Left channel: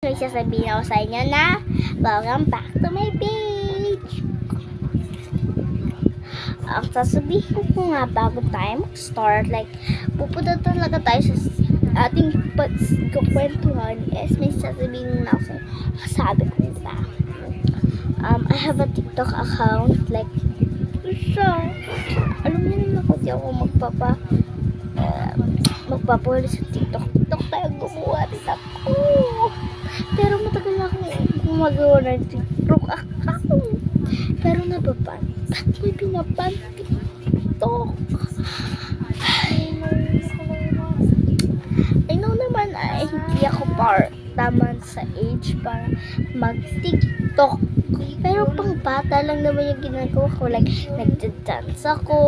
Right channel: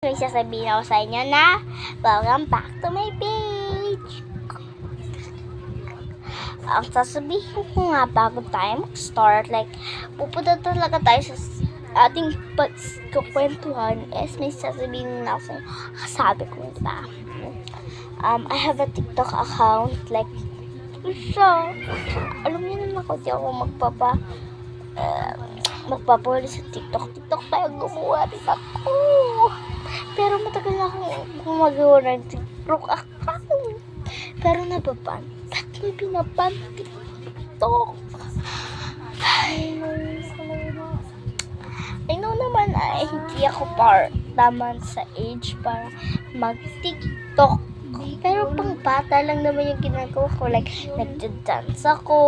May sasabihin ako sa inyo na welcome back to my page. Ang sasabihin ko nga bago tayo mag-start, like, pupunta talaga tayo sa ating pagkukwentuhan is may sasabihin na ako sabi ko, diba? I have a TikTok account, like, siya. Alam niyo naman ako, di ako magpapahuli sa TikTok. TikTok tayo gumawa din ako. Pero matagal na akong gumagawa ng TikTok account. Pero nababan. Ba't may binaban TikTok? I know naman ay hindi ako tama sa age para mag-TikTok. Pero pang bata lang naman yung ginagawa ko. Like, nagda-dance ako,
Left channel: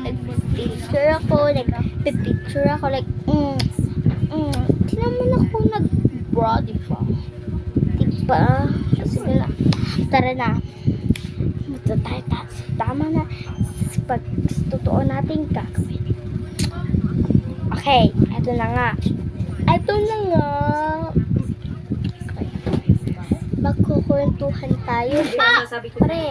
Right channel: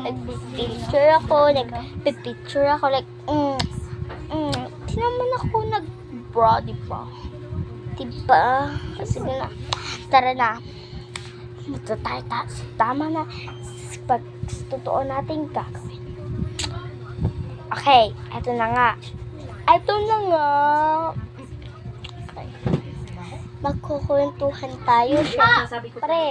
nag-picture ako, nag-picture ako. Like, di naman ako nag-bra, diba? Diba? Kasi na, tara na. Ito tayo, tama na. Pag totoo natin gagawin. Okay, eto na nga. Magkukwentuhan tayo. Siyempre.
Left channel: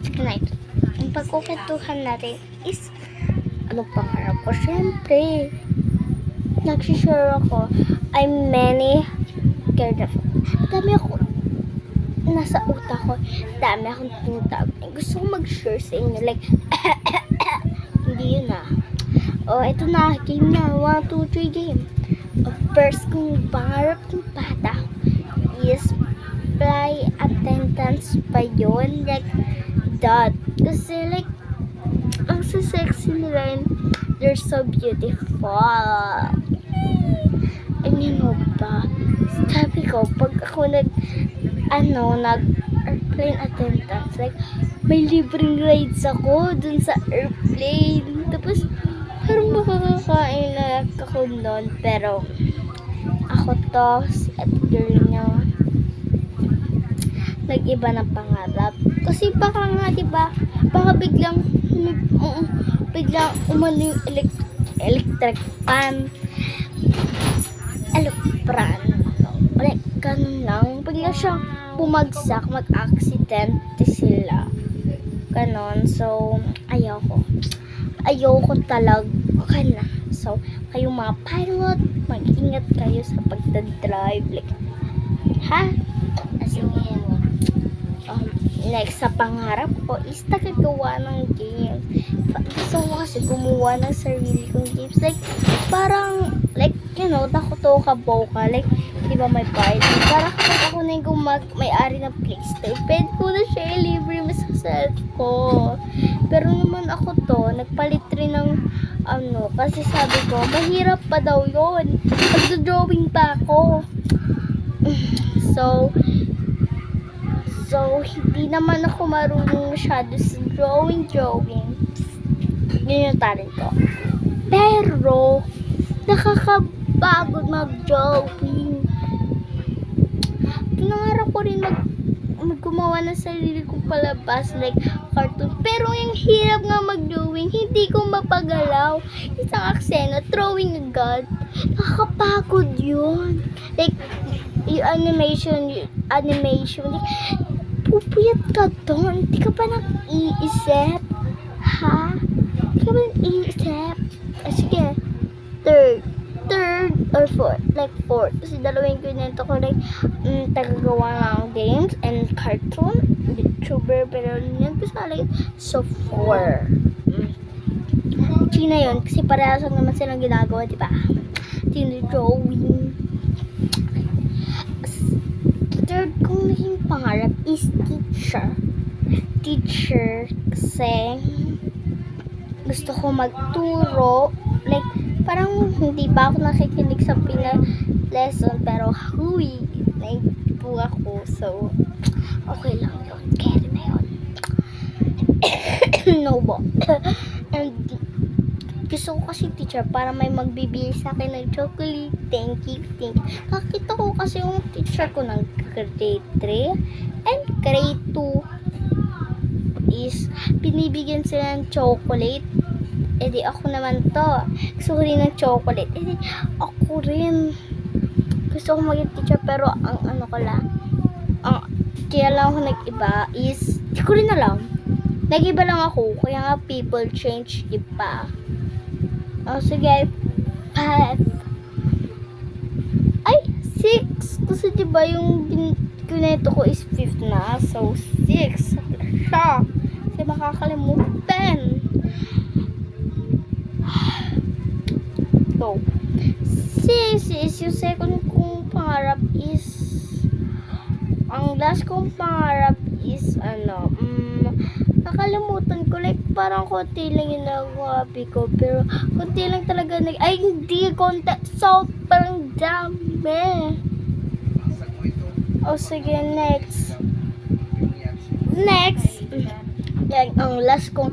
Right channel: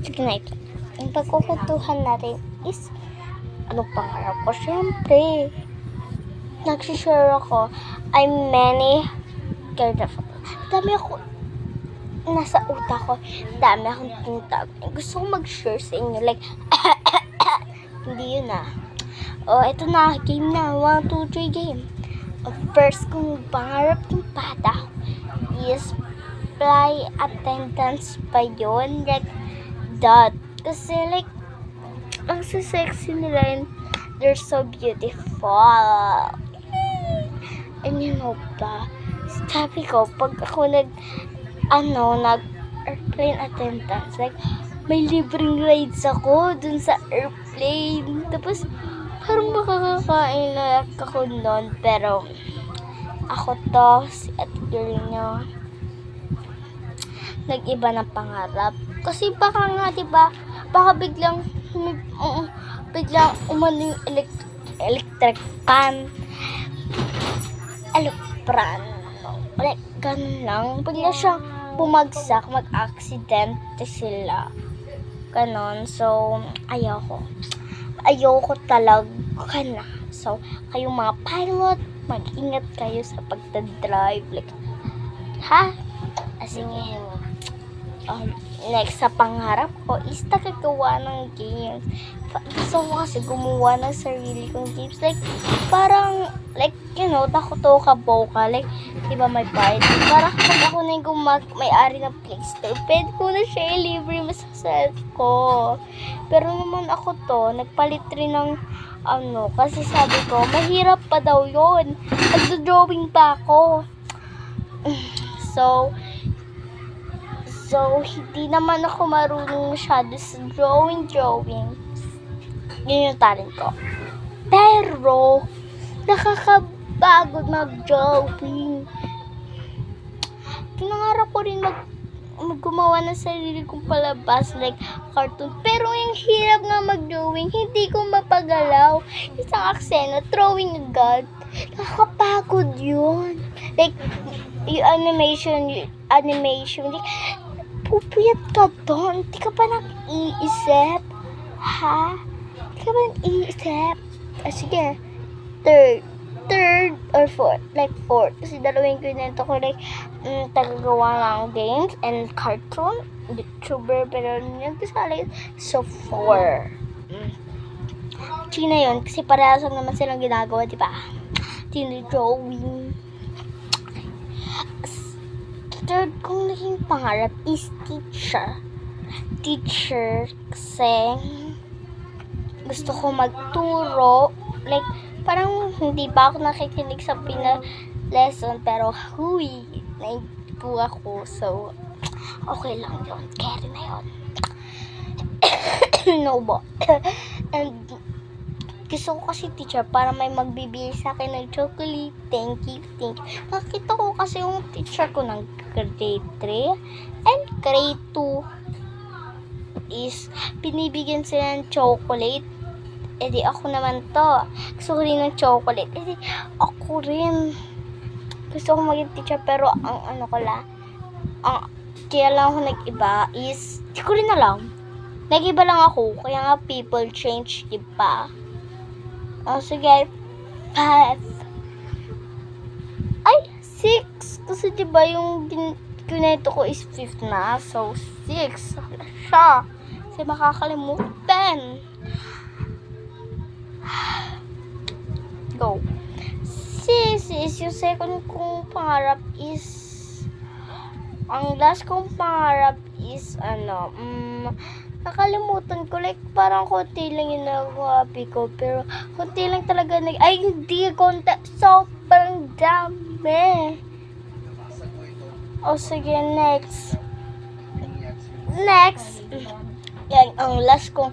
Sige na ito. Ang pagkukwentuhan natin is anong pangarap ko? Siyempre. Nagsishare ako. I'm many kind of. Dami ako nasa utak ko. Dami akong tinatawag. Gusto ko mag-share sa inyo. Like, hindi yun na. Ito na. Game na. 1, 2, 3 game. First kong pangarap ng bata is fly attendance pa yun. Like, that. Kasi, like, ang sexy nila and they're so beautiful. And you know ba? Sabi ko, pag ako nag-airplane attendance, like, may libreng rides ako dun sa airplane. Tapos, parang makakakain na ako nun. Pero, ako to, si ate girl nyo, nag-iba ng pangarap. Kasi baka nga, diba, baka biglang umano yung electric pan. Like, ganun lang. Bigla siyang bumagsak, mag-accidente sila. Ganon. So, ayoko talaga na. So, kayong mga pilot, mag-ingat kayo sa pagdadrive. Like, ha? Sige. Next sa pangarap ko is tagagawa ng games. Gusto ko kasi gumawa ng sarili kong games. Like, parang, like, you know, takotoka-boka. Like, diba may party? Parang kapag ako na yung may-ari ng PlayStation, pwede ko na siya i-libre masasad ko. Pero naman ako to, nagpalit rin ng kasi sabi ko, mahirap pa daw yun. Nagdo-drawing pa ako. So, hindi naman ako marunong masyado sa drawing. Yun yung talent ko. Pero, nakakapagod mag-drawing. Pinangarap ko rin gumawa ng sarili kong palabas, like cartoon. Pero yung hirap nga mag-drawing, hindi ko mapagalaw. Isang aksena, drawing agad. Nakakapagod yun. Like, yung animation, like, pupuyat ka doon. Di ka pa nag-iisip? Ha? Di ka pa nag-iisip? Sige. Third or fourth. Like, fourth. Kasi dalawang kwento ko, like, tagagawa ng games and cartoon. YouTuber, pero yun kasali. So, 4. China yun. Kasi parehas lang naman silang ginagawa, di ba? China drawing. Third kong naging pangarap is teacher kasi gusto ko magturo, like, parang hindi pa ako nakikinig sa lesson, pero naipo ako, so okay lang yun, carry na yun. No ba? And gusto ko kasi teacher para may magbibigay sa akin ng chocolate. Thank you. Nakita ko kasi yung teacher ko ng grade 3 and grade 2. is binibigyan sila ng chocolate. Eh di ako naman to. Gusto ko rin ng chocolate. Eh di ako rin. Gusto ko maging teacher pero ang ano ko lang. Kaya lang ako nag-iba is, di ko rin alam. Nag-iba lang ako. Kaya nga people change, di ba? Sige. 5. Ay, 6. Kasi di ba yung kineto ko is 5th na. So, 6. Siya. Kasi makakalimutan. Go. Sis, yung second kong pangarap is, ang last kong pangarap is, nakalimutan ko, like, parang konti lang yung nagawapi ko, pero konti lang talaga, ay, hindi, konti, sobrang dami. Sige, next, yan, ang last kong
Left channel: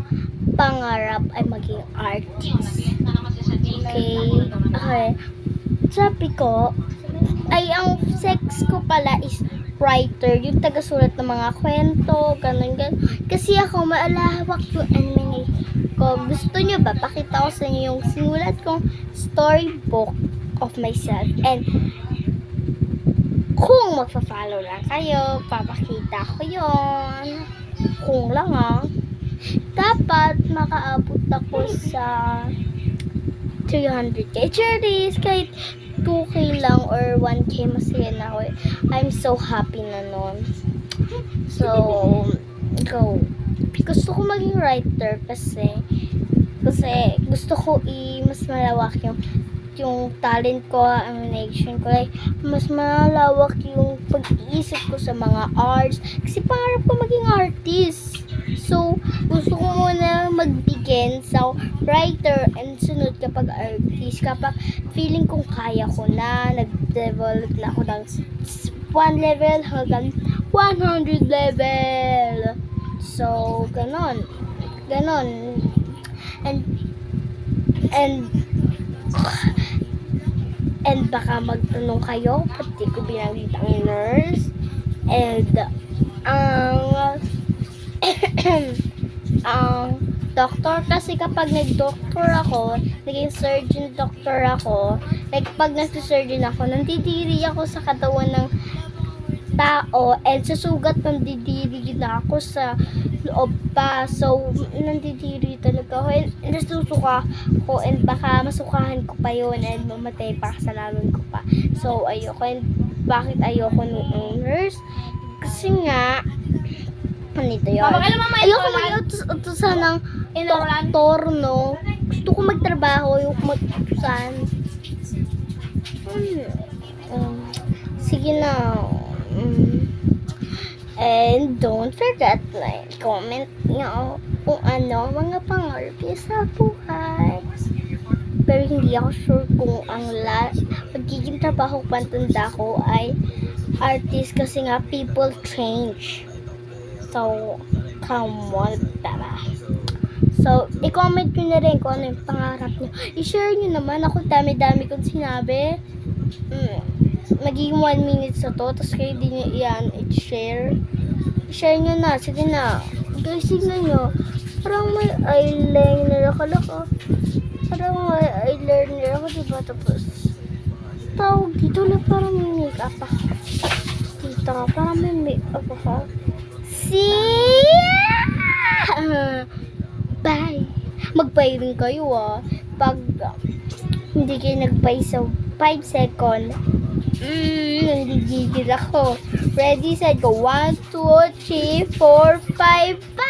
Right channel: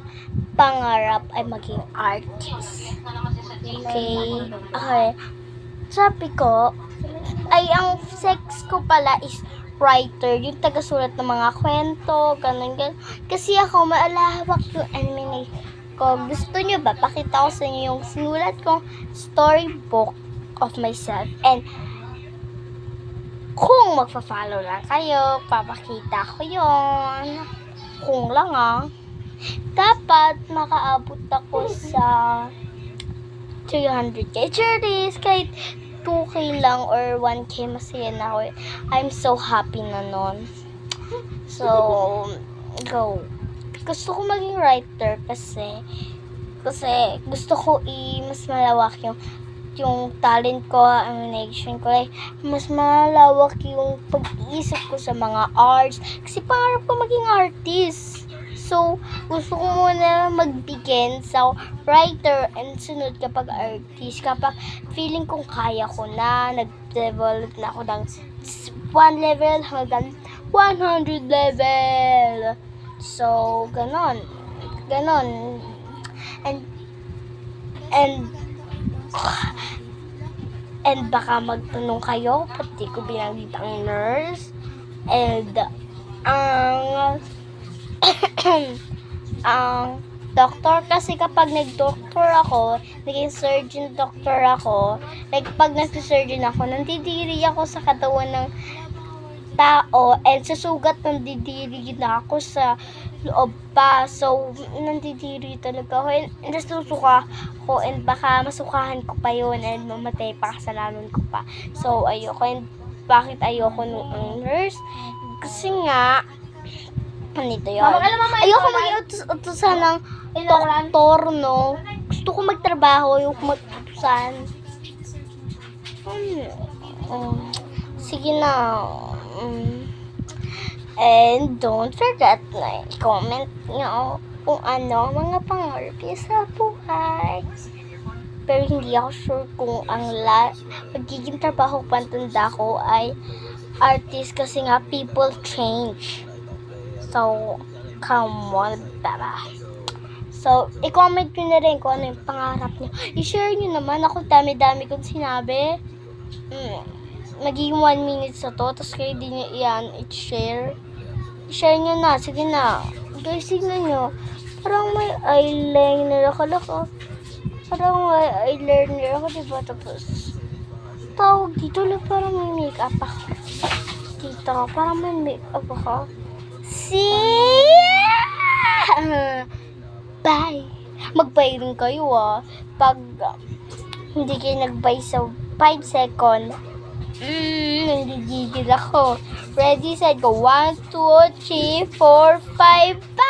pangarap ay maging artist. Okay. Sabi ko, ay ang sex ko pala is writer, yung tagasulat ng mga kwento, ganun. Kasi ako, maalawak yung anime ko. Gusto nyo ba? Pakita ko sa inyo yung sinulat kong storybook of myself. And, kung magpa-follow lang kayo, papakita ko yun. Kung lang dapat makaabot ako sa 300k cherries, kahit 2k lang or 1k masaya na ako. I'm so happy na nun. So, go. Gusto ko maging writer kasi gusto ko mas malawak yung talent ko, ang nation ko. Like, mas malawak yung pag-iisip ko sa mga arts. Kasi pangarap ko maging artist. So, gusto ko muna magbigin sa writer and sunod kapag artist. Kapag feeling kong kaya ko na, nag-develop na ako ng 1 level hanggang 100 level. So, ganon. And baka magtanong kayo, pati ko binanggit ang nurse. And, ang doctor, kasi kapag nag-doctor ako, naging surgeon doctor ako, like pag nag-surgeon ako, nandidiri ako sa katawan ng tao, and sa sugat nandidiri na ako sa loob pa. So, nandidiri talaga ako, and nasusuka ko, and baka masukahan ko pa yun, and mamatay pa kasalanan ko pa. So, ayoko. And bakit ayoko nung nurse? Kasi nga, nito yun. Ayoko mag-utusan ng doktor, no? Gusto ko magtrabaho, yung mag-utusan. Sige na. And don't forget na comment nyo kung ano mga pangarap niyo sa buhay. Pero hindi ako sure kung ang magiging trabaho pantanda ko ay artist, kasi nga people change. So, come on, tara. So, i-comment nyo na rin kung ano yung pangarap nyo. I-share nyo naman. Ako dami-dami kong sinabi. Magiging 1 minute sa to. Tapos kayo din nyo i-share. I-share nyo na. Sige na. Guys, tignan nyo. Parang may eyeliner ako. Parang may eyeliner ako, diba? Tapos, tawag dito na parang may makeup ako. Dito, parang may makeup ako. See? Bye. Mag-bye rin kayo Pag hindi kayo nag-bye sa 5 seconds, nanggigigil ako. Ready, set, go. 1, 2, 3, 4, 5, bye!